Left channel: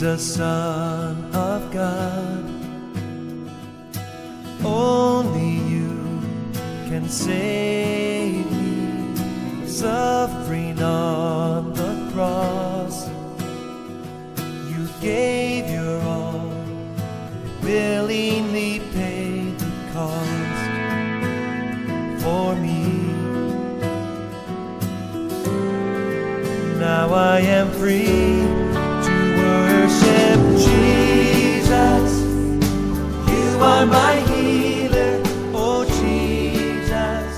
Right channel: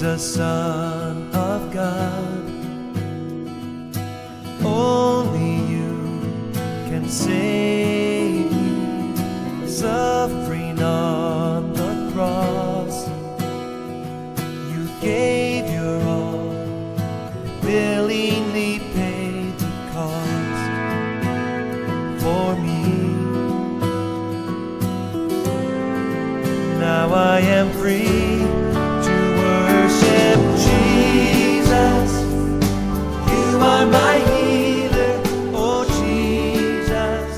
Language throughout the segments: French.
Jesus, Son of God. Only you can save me, suffering on the cross. You gave your all, willingly paid the cost for me. Now I am free to worship Jesus. You are my healer, oh Jesus.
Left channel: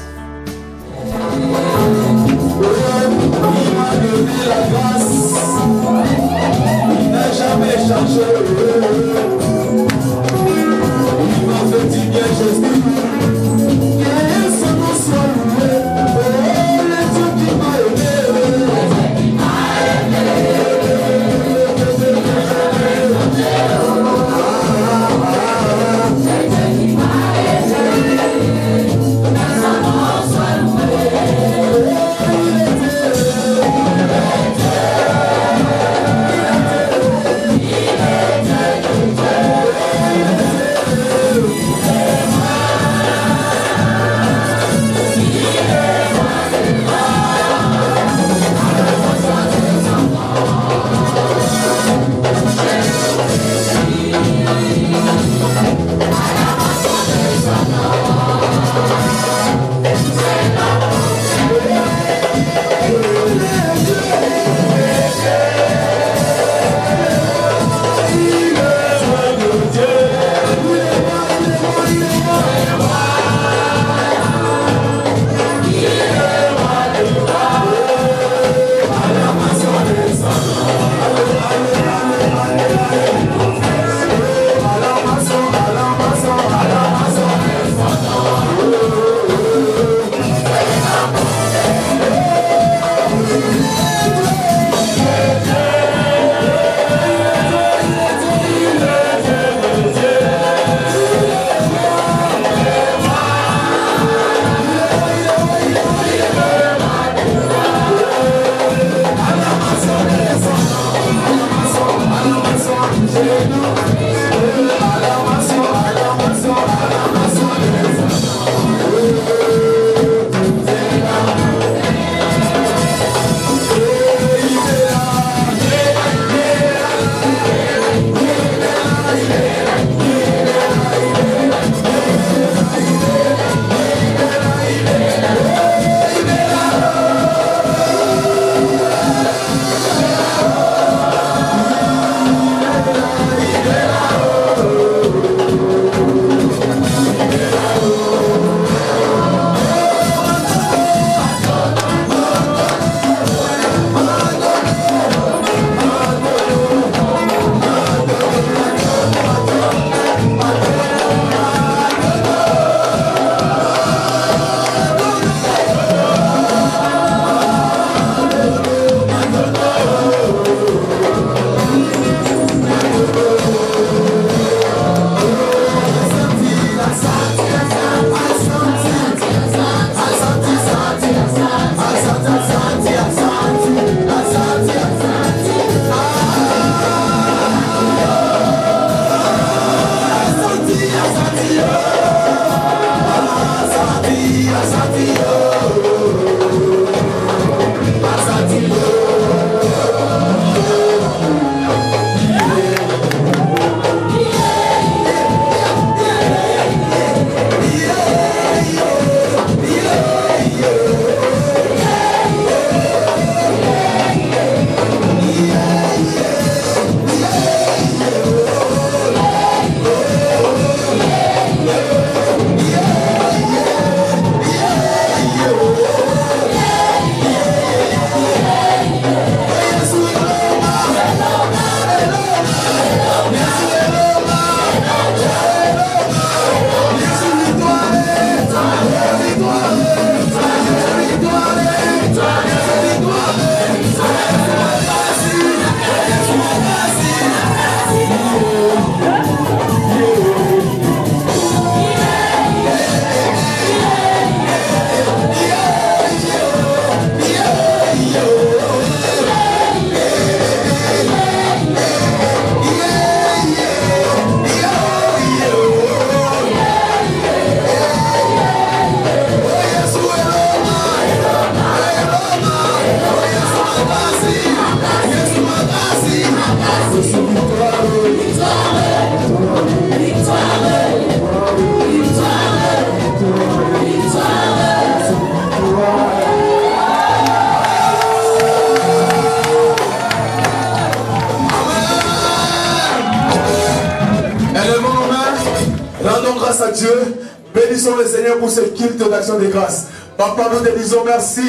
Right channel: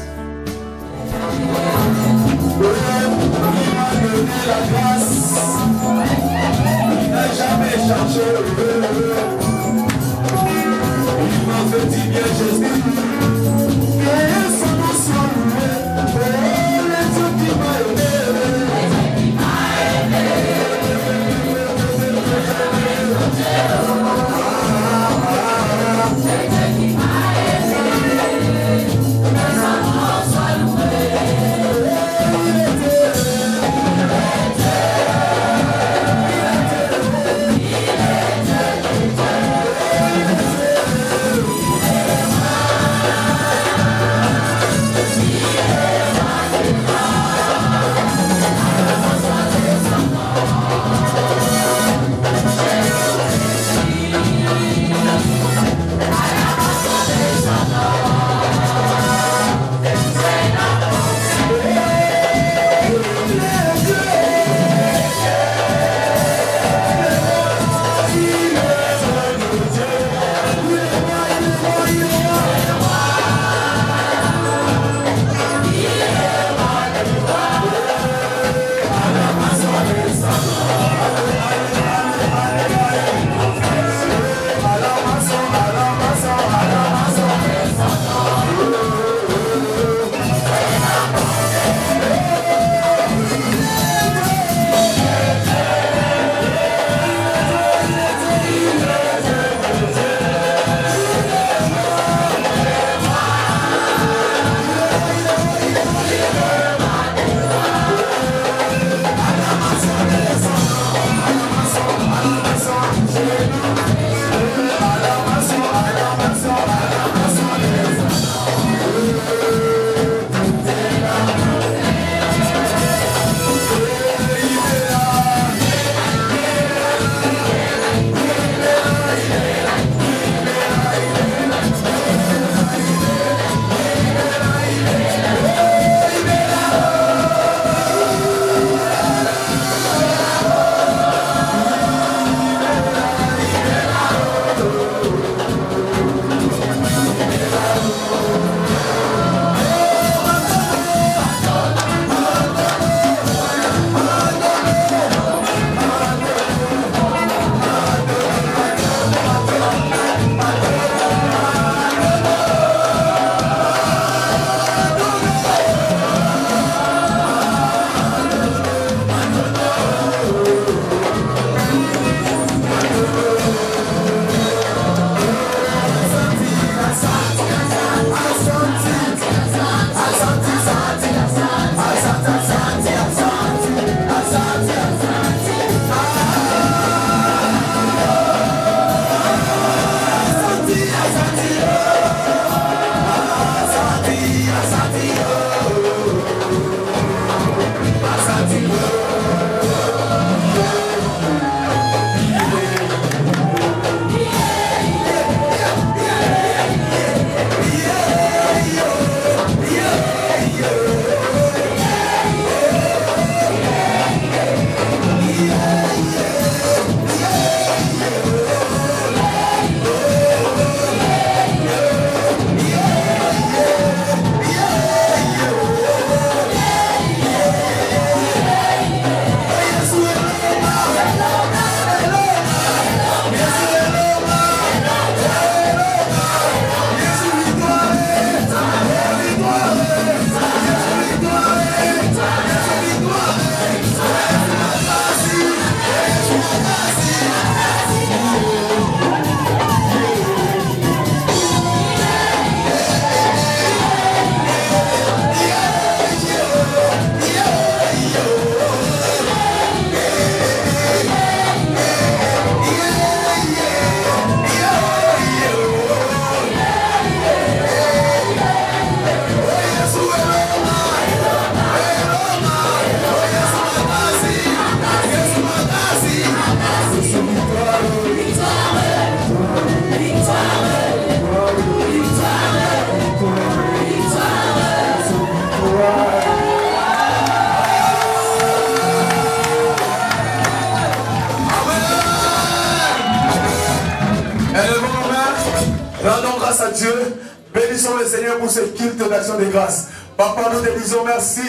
le Seigneur pour ce culte d'action de grâce. Papa, nous te disons merci.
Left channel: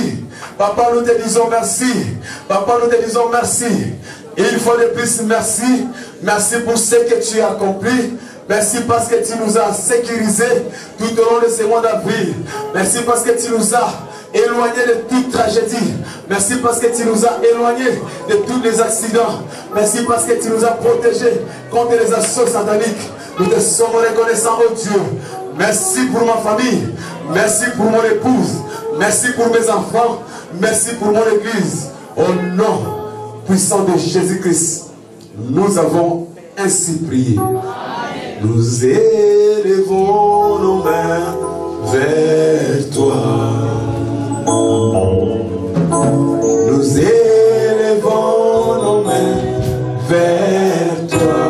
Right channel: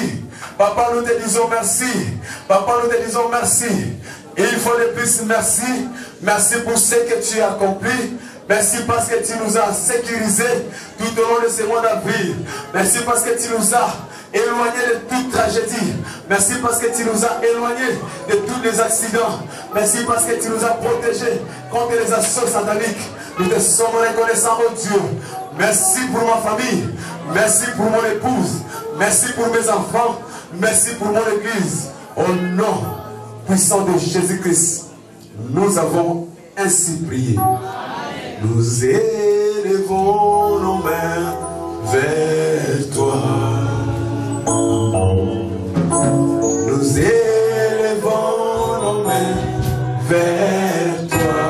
Papa, nous te disons merci. Papa, nous te disons merci. Et une fois de plus, merci. Merci pour ce que tu as accompli. Merci parce que tu nous as sécurisés tout au long de ce mois d'avril. Merci parce que tu nous as éloignés de toute tragédie. Merci parce que tu nous as éloignés de tous les accidents. Merci parce que tu nous as protégés contre les assauts sataniques. Nous te sommes reconnaissants, oh Dieu. Merci pour ma famille. Merci pour mon épouse. Merci pour mes enfants. Merci pour mon église. Au nom puissant de Jésus-Christ, nous avons ainsi prié. Nous élevons nos mains vers toi. Nous élevons nos mains vers toi.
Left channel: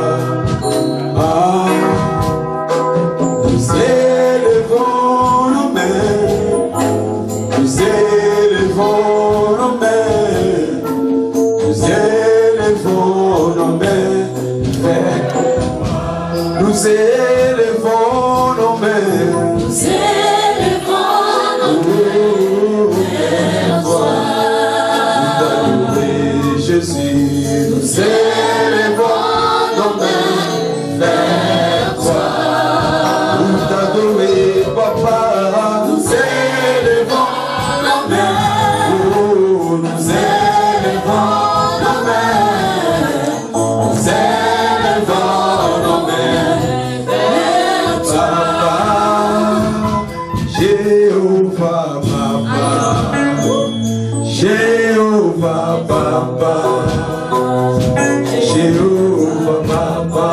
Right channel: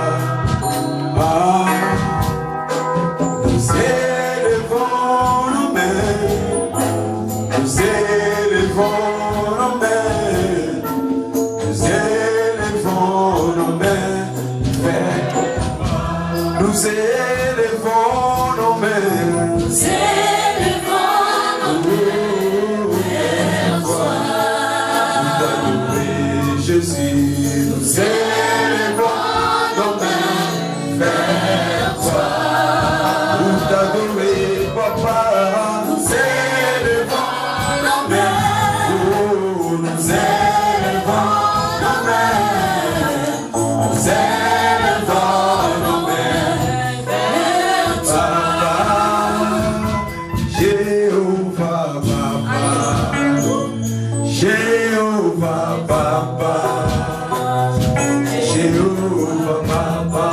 Ah, nous élevons nos mains. Nous élevons nos mains. Nous élevons nos mains vers toi. Nous élevons nos mains. Nous élevons nos mains vers toi. Nous t'adorer, Jésus. Nous élevons nos mains vers toi. Nous t'adorer, Papa. Nous élevons nos mains. Oh, nous élevons nos mains. Nous élevons nos mains vers toi. Jéhovah, Papa. Jéhovah, Papa. Jéhovah, Papa.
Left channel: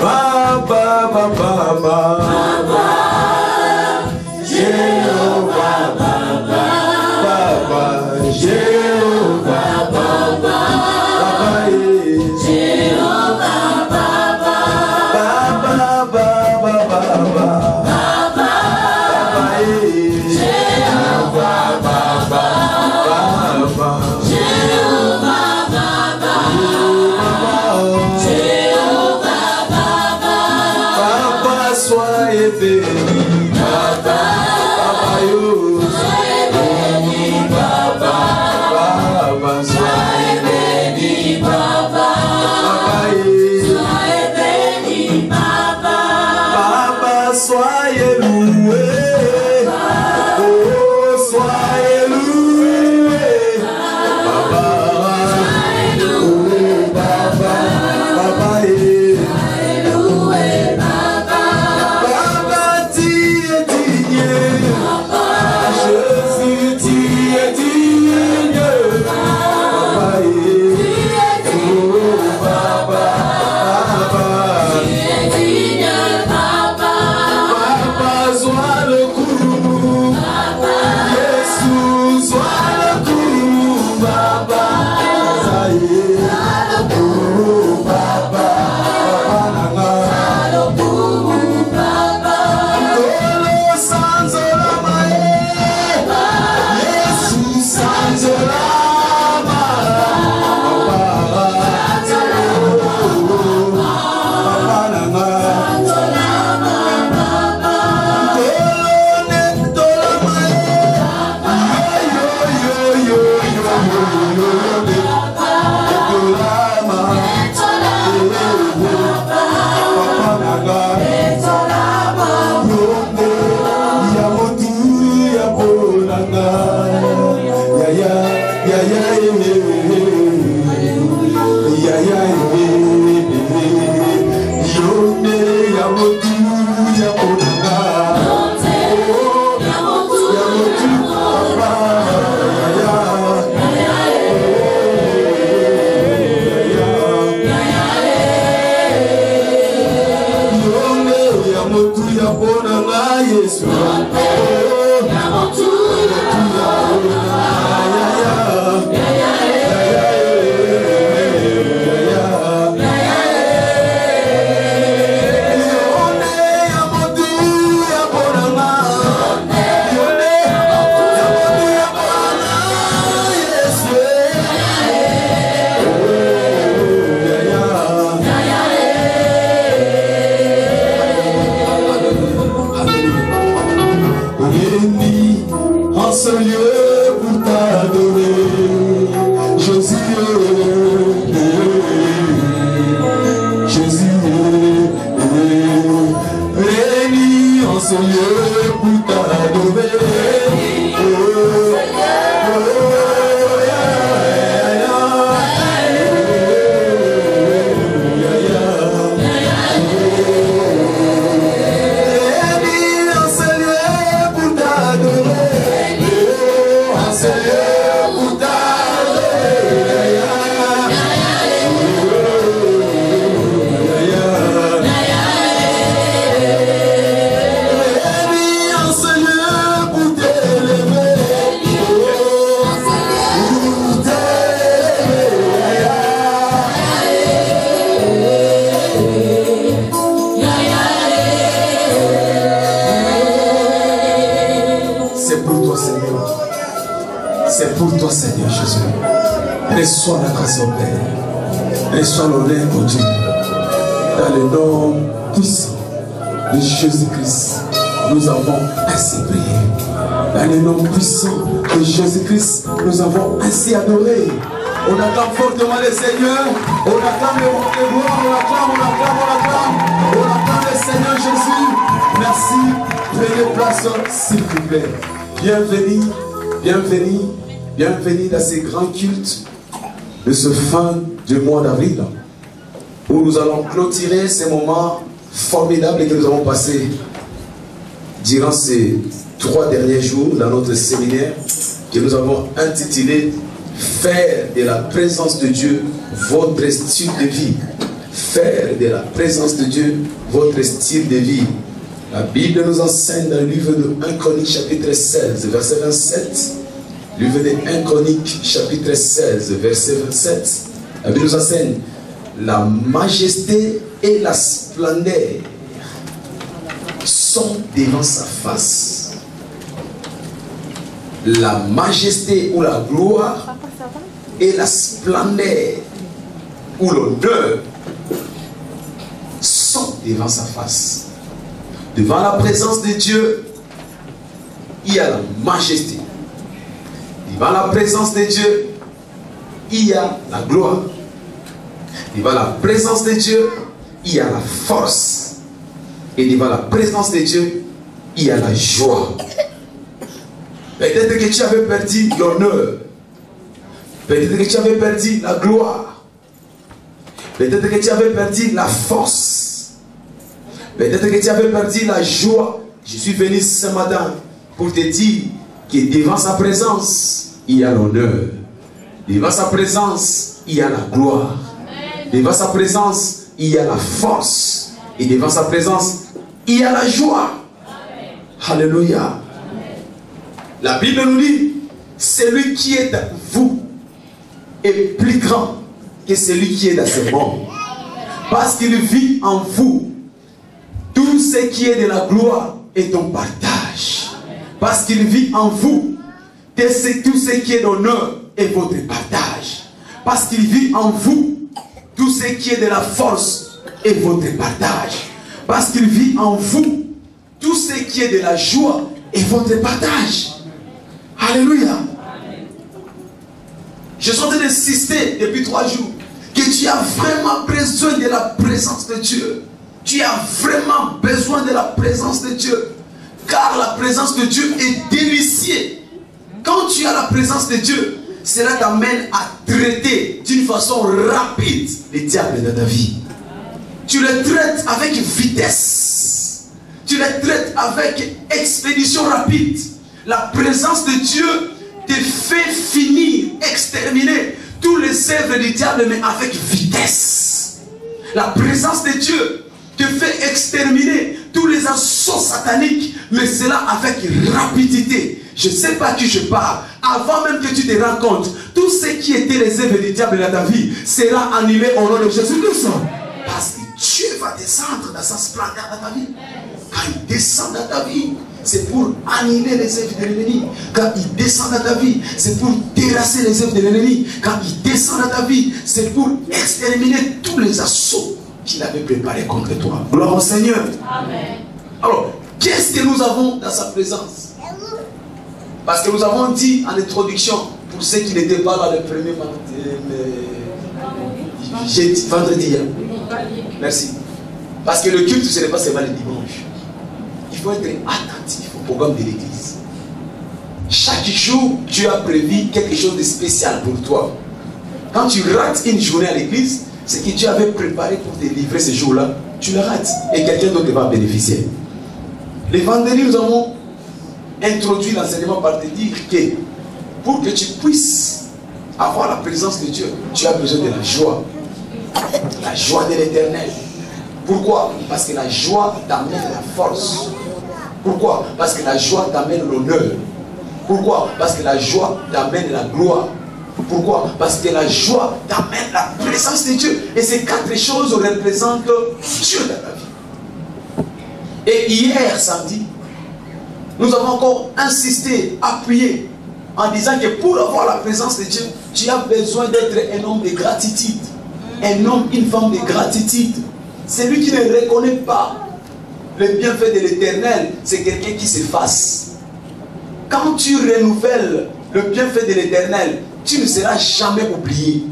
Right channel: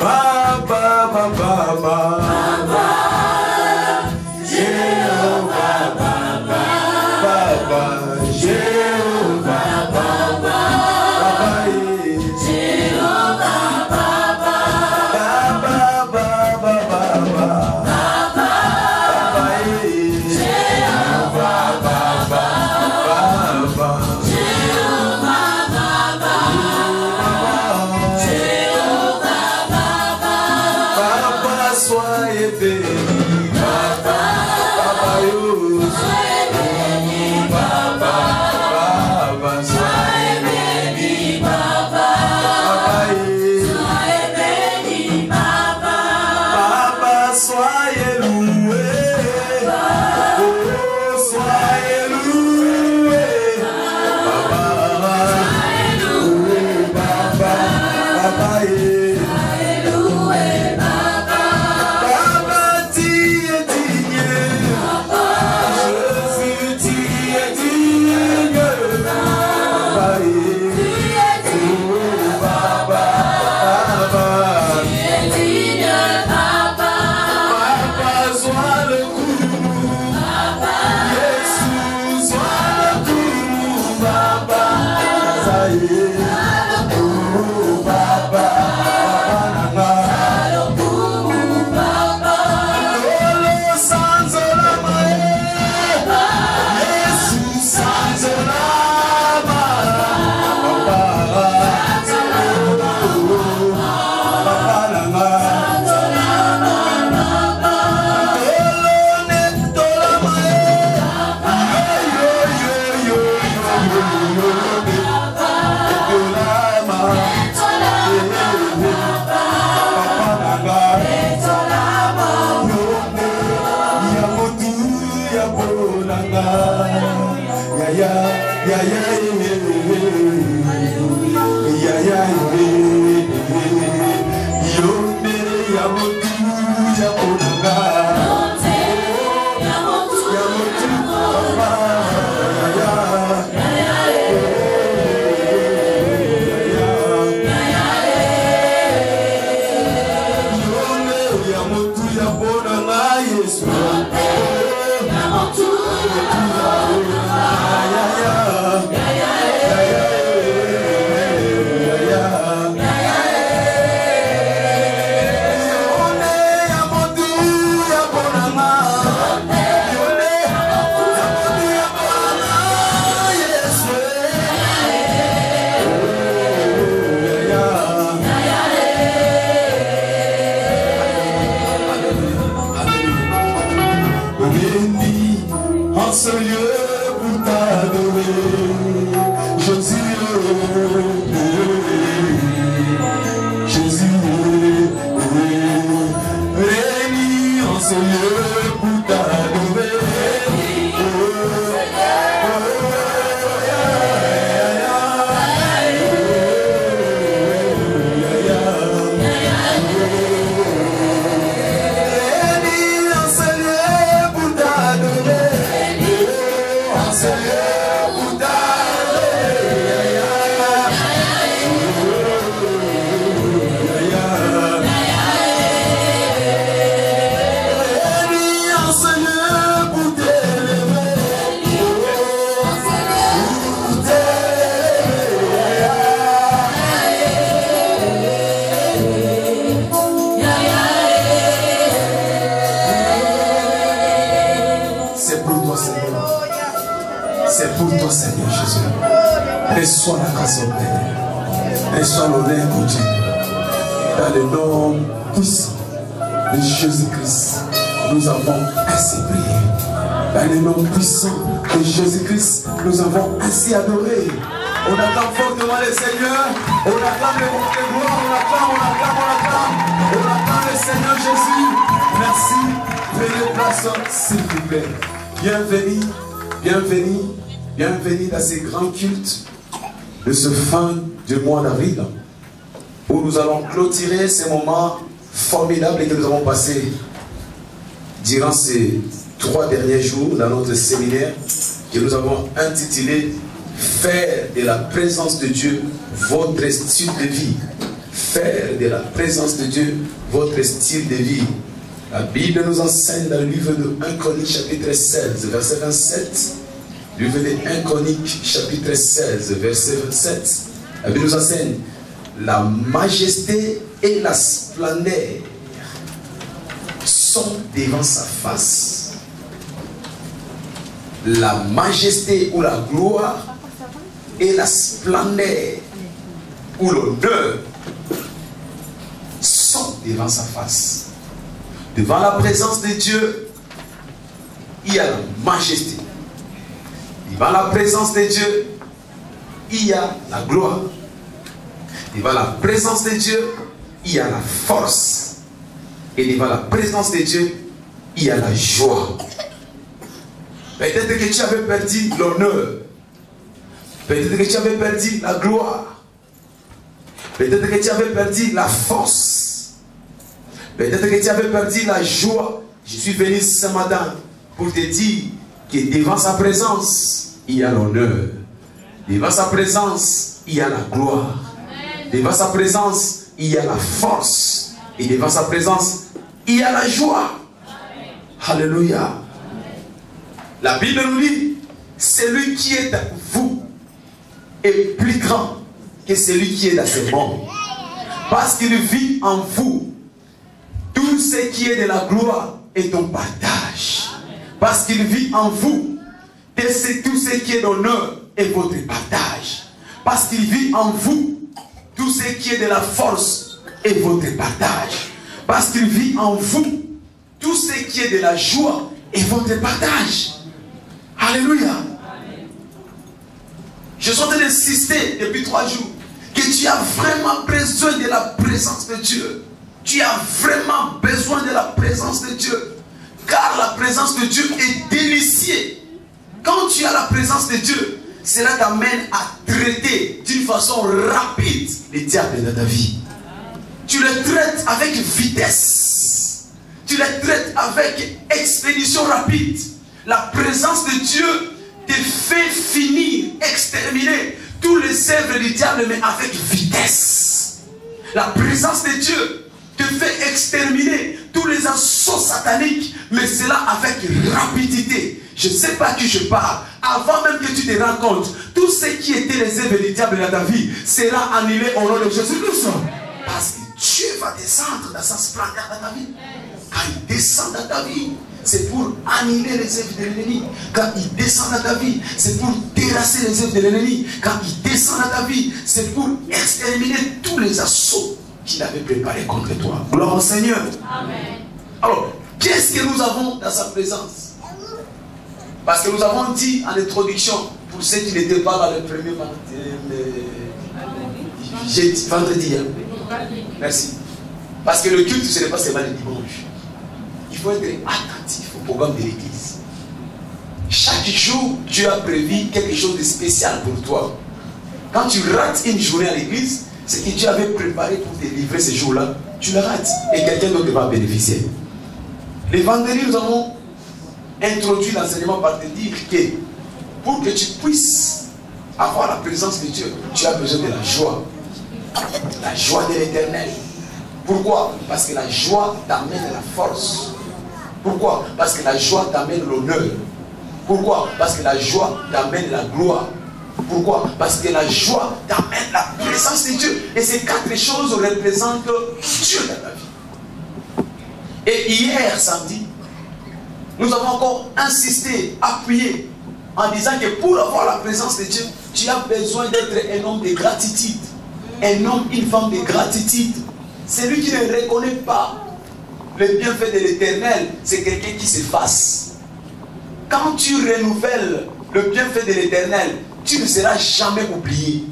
Papa, Papa, Papa. Jéhovah, Papa. Papa, Jéhovah, Papa. Papa, Jéhovah, Papa. Papa, Papa, Papa. Papa, Jéhovah, Papa. Papa, Jéhovah, lieu pour t'adorer. Jésus, Jésus, réunis en ce lieu pour t'adorer. Seigneur Jésus, reçois la grâce au Père, reçois l'honneur au Dieu, dans le nom puissant de Jésus-Christ, nous avons ainsi prié. Dans le nom puissant de Jésus-Christ, nous avons ainsi adoré. On acclame fortement le Seigneur, on acclame le gloire, on acclame le Seigneur Jésus. Merci, prenez place s'il vous plaît. Bienvenue, bienvenue. Bienvenue dans ces grands cultes de ce fin du mois d'avril où nous allons clôturer ces moments formidables que nous avons passés durant ces 3 derniers jours dans notre séminaire que nous avons intitulé « Faire de la présence de Dieu votre style de vie ». Faire de la présence de Dieu votre style de vie. La Bible nous enseigne dans le livre de 1 Chroniques chapitre 16 verset 27. Livre de 1 Chroniques, chapitre 16, verset 27. La Bible nous enseigne la majesté et la splendeur sont devant sa face. La majesté ou la gloire et la splendeur ou l'honneur sont devant sa face. Devant la présence de Dieu, il y a la majesté. Devant la présence de Dieu, il y a la gloire. Devant la présence de Dieu, il y a la force. Et devant la présence de Dieu, il y a la joie. Peut-être que tu avais perdu l'honneur. Peut-être que tu avais perdu la gloire. Peut-être que tu avais perdu la force. Peut-être que tu avais perdu la joie. Je suis venu ce matin pour te dire que devant sa présence, il y a l'honneur. Devant sa présence, il y a la gloire. Devant sa présence, il y a la force. Et devant sa présence, il y a la joie. Alléluia. La Bible nous dit, celui qui est à vous est plus grand que celui qui est dans ce monde. Parce qu'il vit en vous. Tout ce qui est de la gloire est ton partage. Parce qu'il vit en vous. Tout ce qui est d'honneur est votre partage. Parce qu'il vit en vous. Tout ce qui est de la force est votre partage. Parce qu'il vit en vous. Tout ce qui est de la joie est votre partage. Alléluia. Je suis en train d'insister depuis 3 jours que tu as vraiment besoin de la présence de Dieu. Tu as vraiment besoin de la présence de Dieu. Car la présence de Dieu est délicieuse. Quand tu as la présence de Dieu, cela t'amène à traiter d'une façon rapide les diables de ta vie. Tu les traites avec vitesse. Tu les traites avec expédition rapide. La présence de Dieu te fait finir, exterminer tous les œuvres du diable, mais avec vitesse. La présence de Dieu te fait exterminer tous les assauts sataniques, mais cela avec rapidité. Je ne sais pas à qui je parle. Avant même que tu te rends compte, tout ce qui était les œuvres du diable dans ta vie sera annulé au nom de Jésus-Christ. Parce que Dieu va descendre dans sa splendeur dans ta vie. Quand il descend dans ta vie, c'est pour annuler les œuvres de l'ennemi. Quand il descend dans ta vie, c'est pour terrasser les œuvres de l'ennemi. Quand il descend dans ta vie, c'est pour exterminer tous les assauts qu'il avait préparés contre toi. Gloire au Seigneur. Amen. Alors, qu'est-ce que nous avons dans sa présence? Parce que nous avons dit en introduction, pour ceux qui n'étaient pas là le premier vendredi. Merci. Parce que le culte, ce n'est pas seulement le dimanche. Il faut être attentif au programme de l'église. Chaque jour, Dieu a prévu quelque chose de spécial pour toi. Quand tu rates une journée à l'église, c'est que Dieu avait préparé pour te livrer ce jour-là. Tu le rates et quelqu'un d'autre va bénéficier. Les vendredis, nous avons introduit l'enseignement par te dire que pour que tu puisses avoir la présence de Dieu, tu as besoin de la joie. La joie de l'éternel. Pourquoi? Parce que la joie t'amène la force. Pourquoi? Parce que la joie t'amène l'honneur. Pourquoi? Parce que la joie t'amène la gloire. Pourquoi? Parce que la joie t'amène la présence de Dieu. Et ces quatre choses représentent Dieu dans ta vie. Et hier, samedi, nous avons encore insisté, appuyé, en disant que pour avoir la présence de Dieu, tu as besoin d'être un homme de gratitude. Un homme, une femme de gratitude. Celui qui ne reconnaît pas le bienfait de l'éternel, c'est quelqu'un qui s'efface. Quand tu renouvelles le bienfait de l'éternel, tu ne seras jamais oublié.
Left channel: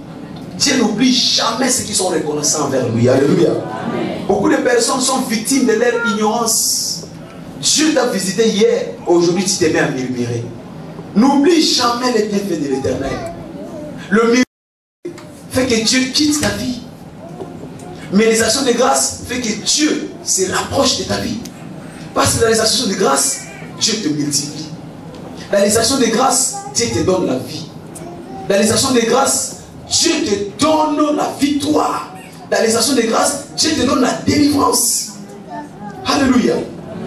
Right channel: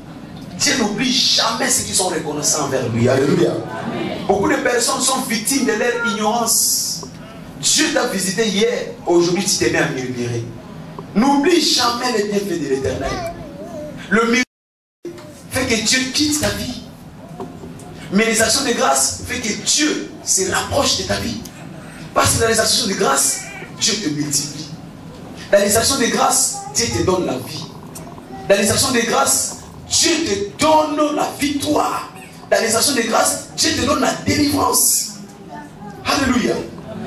Dieu n'oublie jamais ceux qui sont reconnaissants envers lui. Alléluia. Beaucoup de personnes sont victimes de leur ignorance. Dieu t'a visité hier, aujourd'hui tu t'es mis à murmurer. N'oublie jamais les bienfaits de l'éternel. Le miracle fait que Dieu quitte ta vie. Mais les actions de grâce fait que Dieu se rapproche de ta vie. Parce que dans les actions de grâce, Dieu te multiplie. Dans les actions de grâce, Dieu te donne la vie. Dans les actions de grâce, Dieu te donne la victoire. Dans les actions de grâce, Dieu te donne la délivrance. Alléluia.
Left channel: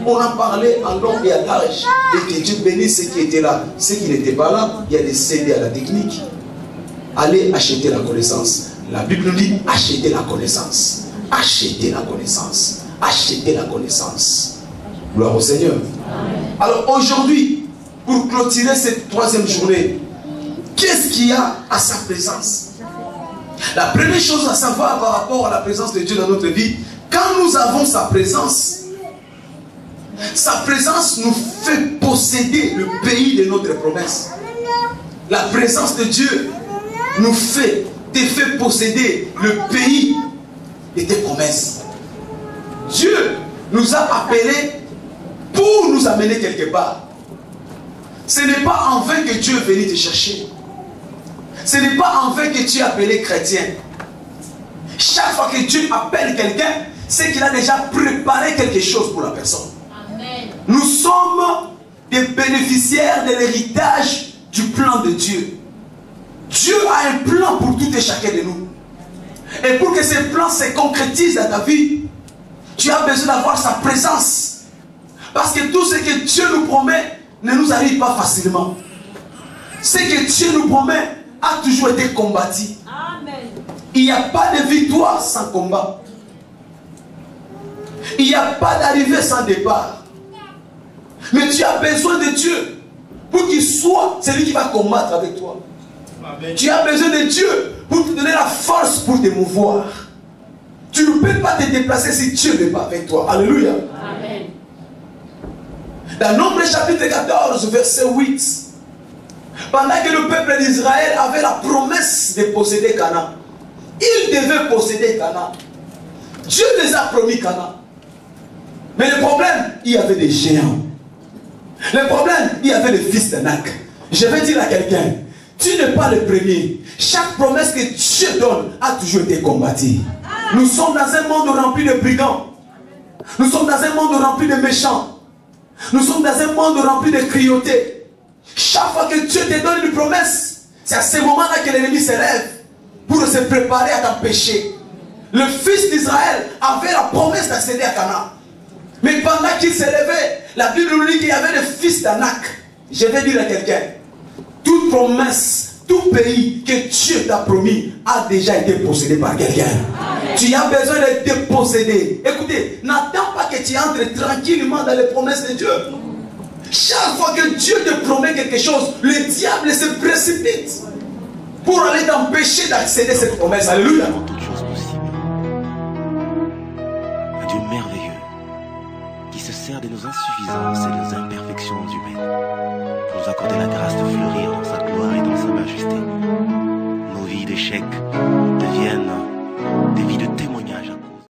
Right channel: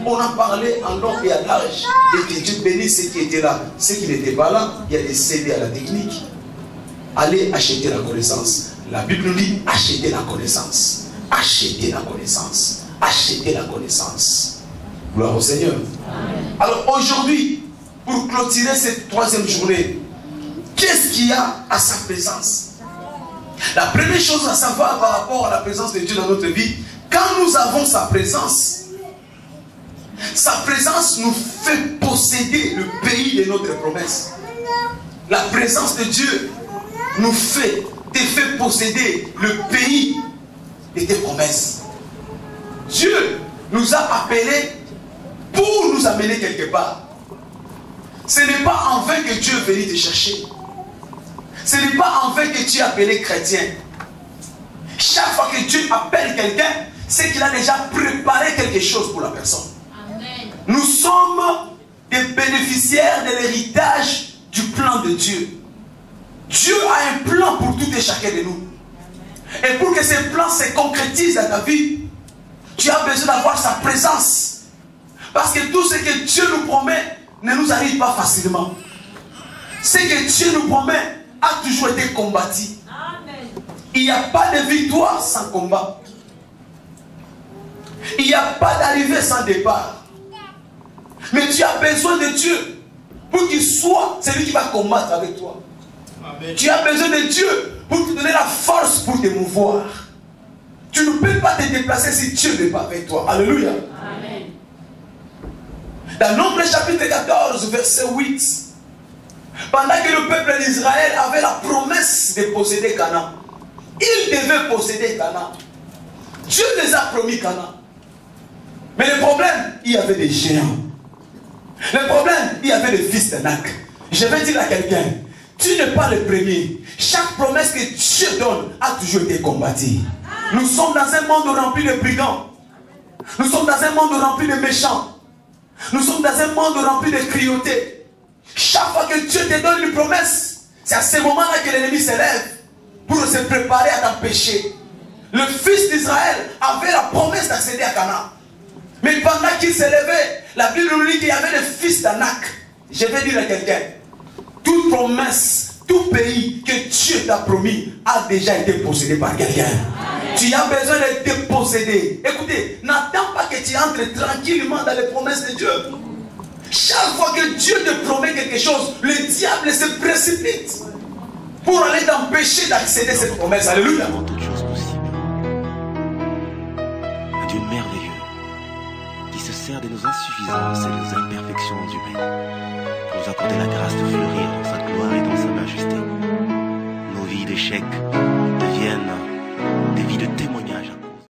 On a parlé en long et à large. Et que Dieu bénisse ceux qui étaient là. Ceux qui n'étaient pas là, il y a des CD à la technique. Allez acheter la connaissance. La Bible nous dit acheter la connaissance. Acheter la connaissance. Acheter la connaissance. Gloire au Seigneur. Amen. Alors aujourd'hui, pour clôturer cette troisième journée, qu'est-ce qu'il y a à sa présence? La première chose à savoir par rapport à la présence de Dieu dans notre vie, quand nous avons sa présence nous fait posséder le pays de notre promesse. La présence de Dieu nous fait posséder le pays de tes promesses. Dieu nous a appelés pour nous amener quelque part. Ce n'est pas en vain que Dieu est venu te chercher. Ce n'est pas en vain que tu es appelé chrétien. Chaque fois que Dieu appelle quelqu'un, c'est qu'il a déjà préparé quelque chose pour la personne. Amen. Nous sommes des bénéficiaires de l'héritage du plan de Dieu. Dieu a un plan pour tout et chacun de nous. Et pour que ce plan se concrétise dans ta vie, tu as besoin d'avoir sa présence. Parce que tout ce que Dieu nous promet ne nous arrive pas facilement. Ce que Dieu nous promet a toujours été combattu. Amen. Il n'y a pas de victoire sans combat. Il n'y a pas d'arrivée sans départ. Mais tu as besoin de Dieu pour qu'il soit celui qui va combattre avec toi. Amen. Tu as besoin de Dieu pour te donner la force pour te mouvoir. Tu ne peux pas te déplacer si Dieu n'est pas avec toi. Alléluia. Amen. Dans Nombre chapitre 14, verset 8, pendant que le peuple d'Israël avait la promesse de posséder Canaan, ils devaient posséder Canaan. Dieu les a promis Canaan. Mais le problème, il y avait des géants. Le problème, il y avait des fils d'Anak. Je vais dire à quelqu'un, tu n'es pas le premier. Chaque promesse que Dieu donne a toujours été combattue. Nous sommes dans un monde rempli de brigands. Nous sommes dans un monde rempli de méchants. Nous sommes dans un monde rempli de cruauté. Chaque fois que Dieu te donne une promesse, c'est à ce moment-là que l'ennemi se lève pour se préparer à t'empêcher. Le fils d'Israël avait la promesse d'accéder à Canaan. Mais pendant qu'il se levait, la Bible nous dit qu'il y avait des fils d'Anak. Je vais dire à quelqu'un, toute promesse, tout pays que Dieu t'a promis a déjà été possédé par quelqu'un. Tu as besoin de te posséder. Écoutez, n'attends pas que tu entres tranquillement dans les promesses de Dieu. Chaque fois que Dieu te promet quelque chose, le diable se précipite pour aller t'empêcher d'accéder à cette promesse. Alléluia. Toutes choses possibles. Un Dieu merveilleux qui se sert de nos insuffisances et de nos imperfections humaines, pour nous accorder la grâce de fleurir dans sa gloire et dans sa majesté. Nos vies d'échecs deviennent